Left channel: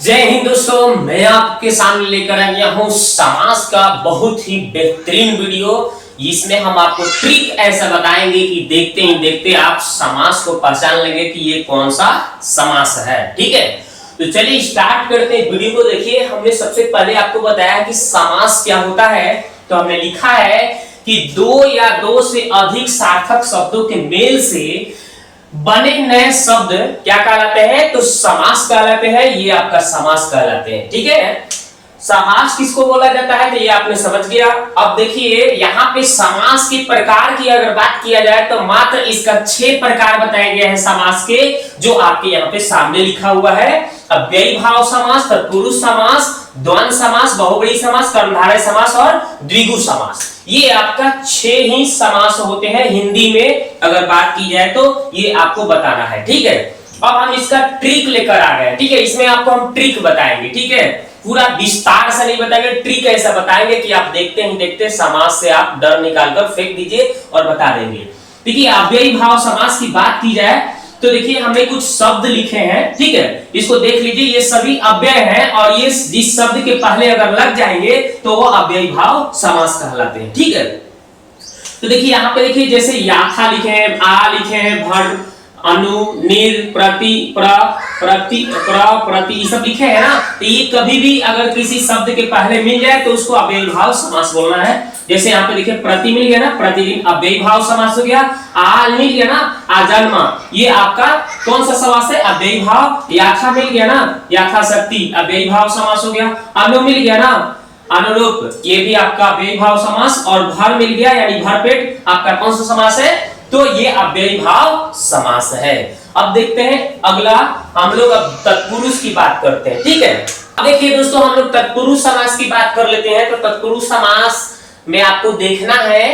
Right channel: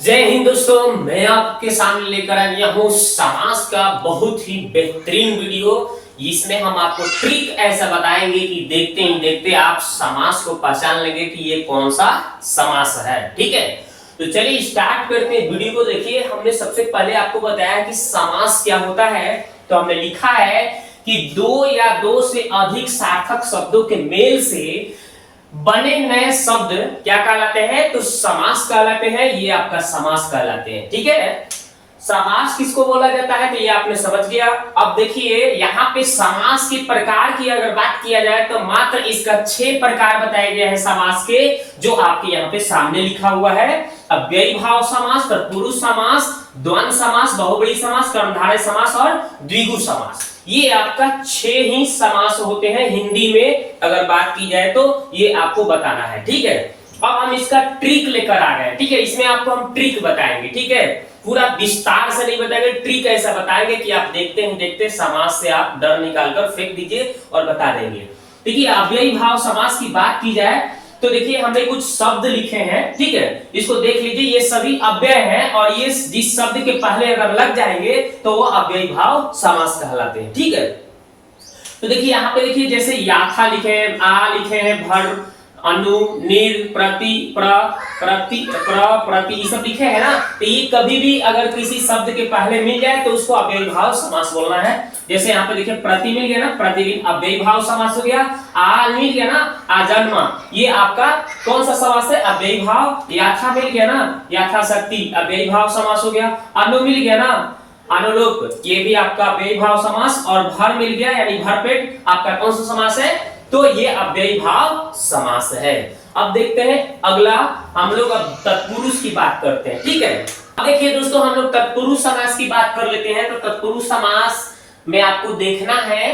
जय हिंद दोस्तों, मैं आपके सामने लेकर आ गया हूँ समास का बहुत ही बेहतरीन वीडियो। इसमें हम आपको ट्रिक ऐसा बताएंगे कि देखते ही देखते आप समास को पहचान लेंगे कि ये कौन सा समास है। ठीक है, तो चलिए स्टार्ट करते हैं वीडियो को। देखिए, हमने सबसे पहले आपको बताया कि समास क्या होता है। तो हमने लिखा है कि दो या दो से अधिक सार्थक शब्दों के मेल से बने नए शब्द क्या कहलाते हैं? तो समास कहलाते हैं। ये आपका समास कहलाते हैं। ठीक है, समास किसको बोला जाता है? तो ये आपने समझ गया। अब देखिए, यहाँ पे समास के प्रकार की अगर बात किया जाए तो मात्र इसका 6 प्रकार बताए गए हैं समास के, जो आपके यहाँ पे सामने लिखा हुआ है। अव्ययी भाव समास, तत्पुरुष समास, द्वंद्व समास, बहुव्रीहि समास, कर्मधारय समास और द्विगु समास। ये आपका 6 ही समास होते हैं हिंदी में अगर बात की जाए तो, ये आपको बताना है। ठीक है, अब हम इसका ट्रिक लेकर आ गए। ठीक है, इसमें आपको हम ट्रिक बताएंगे। ठीक है, पूरा विस्तार से नहीं बताएंगे, ट्रिक ऐसा बताएंगे कि आप देखते ही देखते समास से आप डर निकालकर फेंक दीजिए और बता देंगे। देखिए, अव्ययी भाव समास की बात की जाए तो देखिए, हमने कुछ शब्द लिखे हैं। ठीक है, इसको देख लीजिए, ये सभी अव्यय हैं और ये जिस शब्द के पहले अगर लग जाएंगे तो वो अव्ययी भाव समास कहलाते हैं। ठीक है, तो देखिए यहाँ पे देखिए, जैसे याथा लिखे हैं, आ लिखे हैं, भर, अनु, निर, प्रति, प्र, प्रति, प्रति, ये सब लिखे हैं ना। तो ये कभी भी अगर किसी शब्द के पहले मिल जाए तो उसको अव्ययी भाव समास बोलना है। जैसे यहाँ पे देखिए, प्रति मिल गया ना, प्रतिदिन अव्ययी भाव समास हो गया। आ मिल गया ना, आजन्मा, ये आपका कौन सा समास है? अव्ययी भाव। याथा मिल गया ना, यथाशक्ति, अव्ययी भाव समास हो गया। अनु मिल गया ना, अनुरूप, ये भी आपका अव्ययी भाव समास। और भर मिल गया यानी भरपेट, आपका कौन सा समास है? तो ये अव्ययी भाव समास है। अब देखते हैं अगला, हम लोग अब तत्पुरुष की बात करते हैं। ठीक है, अब देखिए दोस्तों, हम लोग तत्पुरुष समास की बात कर लेते हैं। तो तत्पुरुष समास में आपको देखना है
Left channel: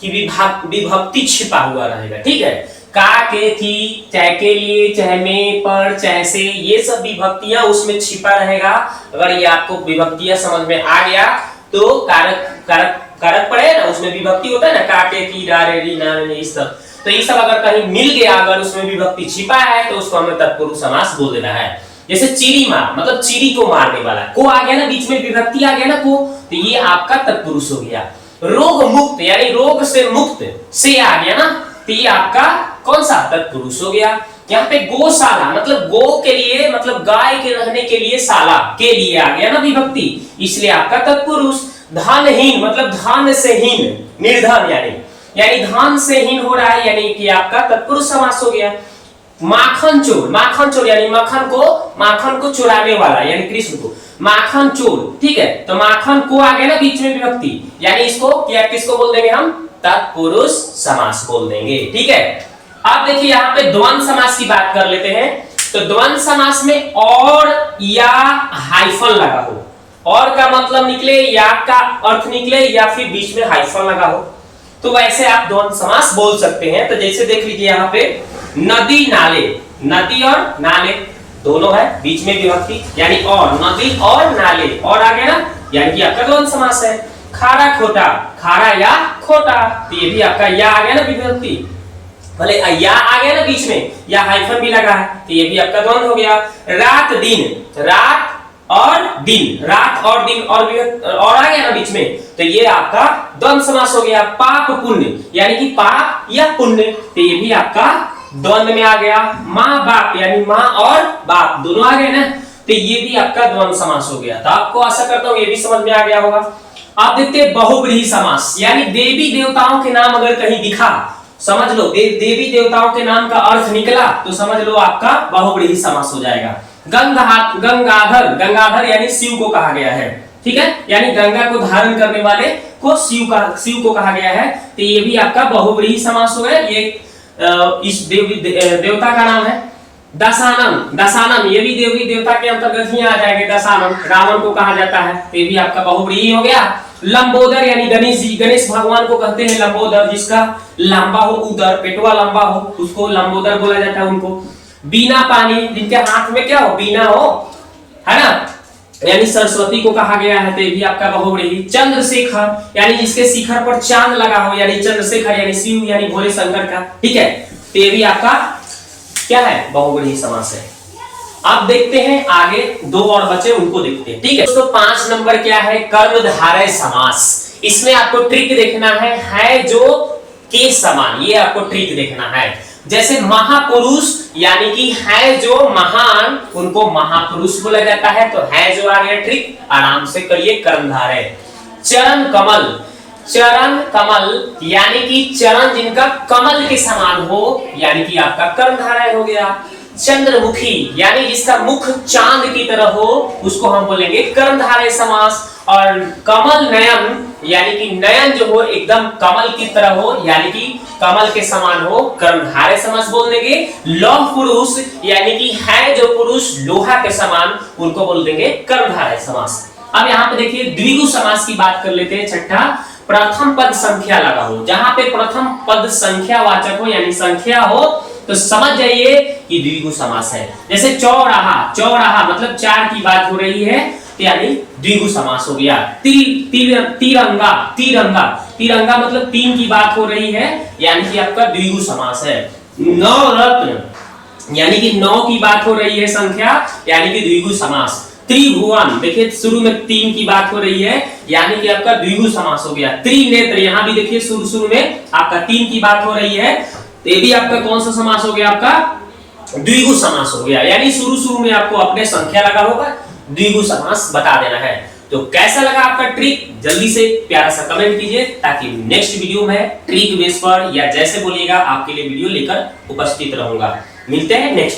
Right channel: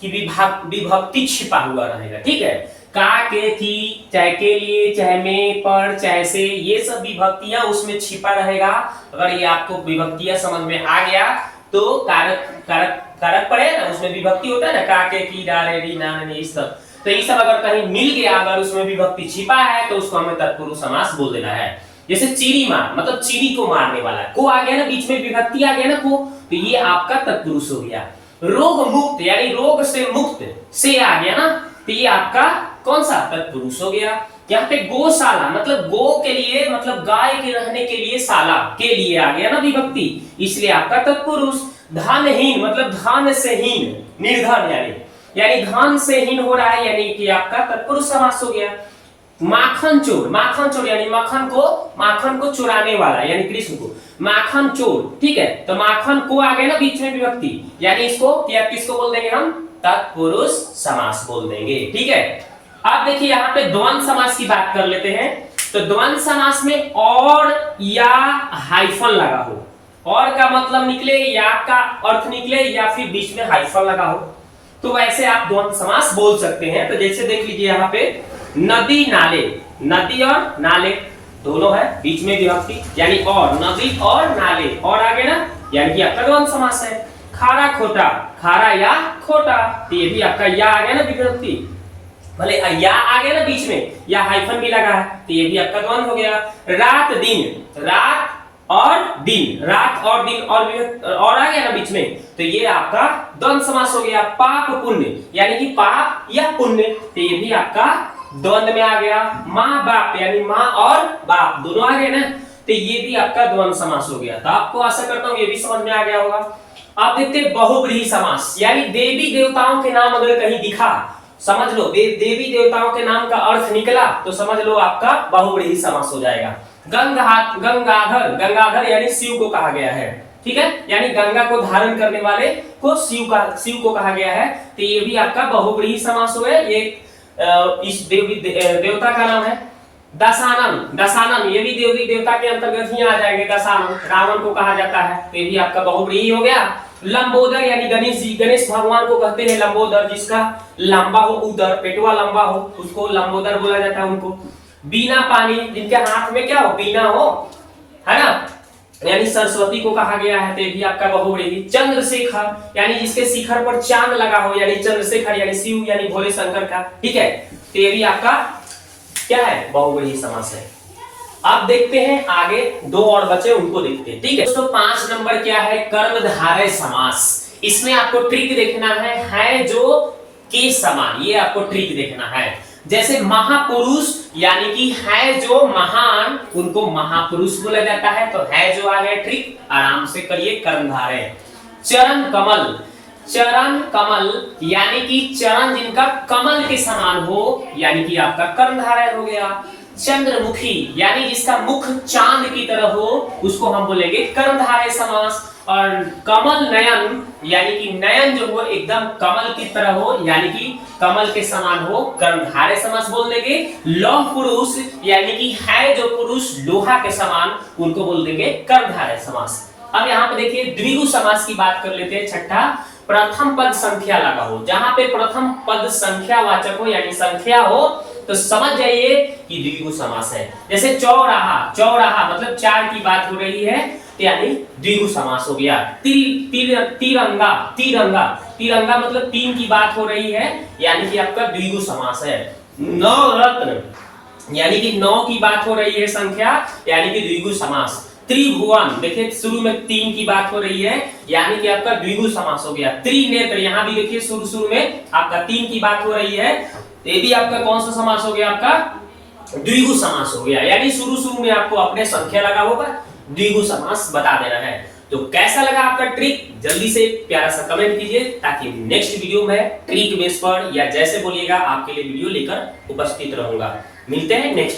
कि विभक्ति छिपा हुआ रहेगा। ठीक है, का, के, की, चाहे के लिए, चाहे में, पर, चाहे से, ये सब विभक्तियां उसमें छिपा रहेगा। अगर ये आपको विभक्तियां समझ में आ गया तो कारक पड़े ना, उसमें विभक्ति होता है ना, का, के, की, रा, रे, री, ना, ने, ये सब। तो ये सब अगर कहीं मिल गया, अगर उसमें विभक्ति छिपा है तो उसको हमें तत्पुरुष समास बोल देना है। जैसे चिड़ी मार, मतलब चिड़ी को मारने वाला, को आ गया ना, बीच में विभक्ति आ गया ना, को, तो ये आपका तत्पुरुष हो गया। रोग मुक्त यानी रोग से मुक्त से आ गया ना, तो ये आपका कौन सा? तत्पुरुष हो गया। यहाँ पे गौशाला, मतलब गो के लिए, मतलब गाय के रहने के लिए, शाला के लिए आ गया ना विभक्ति, इसलिए आपका तत्पुरुष। धनहीन, मतलब धन से हीन, निर्धन यानी धन से हीन हो रहा है, यानी कि आपका तत्पुरुष समास हो गया। माखन चोर, माखन चोर यानी माखन को चुराने वाला, यानी कृष्ण को माखन चोर। ठीक है, तो माखन को आ गया ना बीच में विभक्ति, यानी इसको क्या किसको बोल देंगे हम? तत्पुरुष समास बोल देंगे। ठीक है, अब देखिए यहाँ पे द्वंद्व समास की बात कर लेते हैं। तो द्वंद्व समास में और या हाइफन लगा हो, और का मतलब निकले, या का अर्थ निकले, या फिर बीच में हाइफन लगा हो, तो वैसे आप द्वंद्व समास बोल सकते हैं। तो जैसे देख लीजिए यहाँ पे, नदी नाले, नदी और नाले दोनों है, बीच में विभक्ति यानी और, नदी और नाले, और आ गया ना, यानी कि आपका द्वंद्व समास है। खारा खोटा, खारा या खोटा, तो ये भी आपका या आ गया ना विभक्ति, भले या आ गया ना बीच में, या हाइफन भी लगा है, तो ये भी आपका द्वंद्व हो गया। रात दिन, रात और दिन, रात और दिन और आ गया ना बीच में, तो ये आपका द्वंद्व समास हो गया। पाप पुण्य यानी कि पाप या पुण्य, तो ये भी आपका द्वंद्व में आ गया। माँ बाप यानी माँ और बाप दोनों आ गए ना, तो ये भी आपका द्वंद्व समास हो गया। तो आपको आशा करता हूँ ये भी समझ में आ गया होगा। आप देखते हैं बहुव्रीहि समास, यानी देवी देवताओं के नाम अगर कहीं दिखा, समझ लो देवी देवताओं के नाम का अर्थ निकला, तो समझ लो आपका बहुव्रीहि समास हो जाएगा। गंगाधर, गंगाधर यानी शिव को कहा गया है। ठीक है, यानी गंगा को धारण करने वाले को शिव को कहा गया है, तो ये भी आपका बहुव्रीहि समास हो गया। ये इस देवता का नाम है। दशानन, दशानन ये भी देवी देवता के अंतर्गत ही आ जाएंगे। दशानन रावण को कहा जाता है, तो ये भी आपका बहुव्रीहि हो गया। लंबोदर यानी गणेश जी, गणेश भगवान को कहते हैं लंबोदर, जिसका लंबा हो उदर, पेटवा लंबा हो, उसको लंबोदर बोला जाता है उनको। बीना पानी, जिनके हाथ में क्या हो? बीना हो, है ना, यानी सरस्वती को कहा गया है, तो ये भी आपका बहुव्रीहि। चंद्रशेखर यानी जिसके शिखर पर चांद लगा हो, यानी चंद्रशेखर यानी शिव यानी भोले शंकर का। ठीक है, तो ये भी आपका क्या है? बहुव्रीहि समास है। अब देखते हैं आगे, दो और बचे उनको देखते हैं। ठीक है दोस्तों, 5 नंबर क्या है, कर्मधारय समास। इसमें आपको ट्रिक देखना है जो के समान, ये आपको ट्रिक देखना है। जैसे महापुरुष यानी कि है जो महान, उनको महापुरुष बोला जाता है, तो है जो आ गया ट्रिक, आराम से करिए कर्मधारय। चरण कमल, चरण कमल यानी कि चरण जिनका कमल के समान हो, यानी कि आपका कर्मधारय हो गया। चंद्रमुखी यानी जिसका मुख चांद की तरह हो, उसको हम बोलेंगे कर्मधारय समास। और कमल नयन यानी कि नयन जो हो एकदम कमल की तरह हो, यानी कि कमल के समान हो, कर्मधारय समास बोल देंगे। लौह पुरुष यानी कि है जो पुरुष लोहा के समान, उनको बोल देंगे कर्मधारय समास। अब यहाँ पे देखिए द्विगु समास की बात कर लेते हैं। छठा, प्रथम पद संख्या लगा हो। जहां पे प्रथम पद संख्या वाचक हो यानी संख्या हो, तो समझ जाइए कि द्विगु समास है। जैसे चौराहा, चौराहा मतलब 4 की बात हो रही है, यानी द्विगु समास हो गया। तिरंगा, तिरंगा, तिरंगा मतलब 3 की बात हो रही है, यानी कि आपका द्विगु समास है। नवरत्न यानी कि 9 की बात हो रही है संख्या, यानी कि द्विगु समास। त्रिभुवन, देखिए शुरू में 3 की बात हो रही है, यानी कि आपका द्विगु समास हो गया। त्रिनेत्र, यहां भी देखिए शुरू में आपका 3 की बात हो रही है, तो ये भी आपका कौन सा समास हो गया, आपका द्विगु समास हो गया। यानी शुरू में आपको अपने संख्या लगा होगा, द्विगु समास बता देना है। तो कैसा लगा आपका ट्रिक, जल्दी से प्यारा सा कमेंट कीजिए, ताकि नेक्स्ट वीडियो में ट्रिक बेस पर या जैसे बोलिएगा आपके लिए वीडियो लेकर उपस्थित रहूंगा। मिलते हैं नेक्स्ट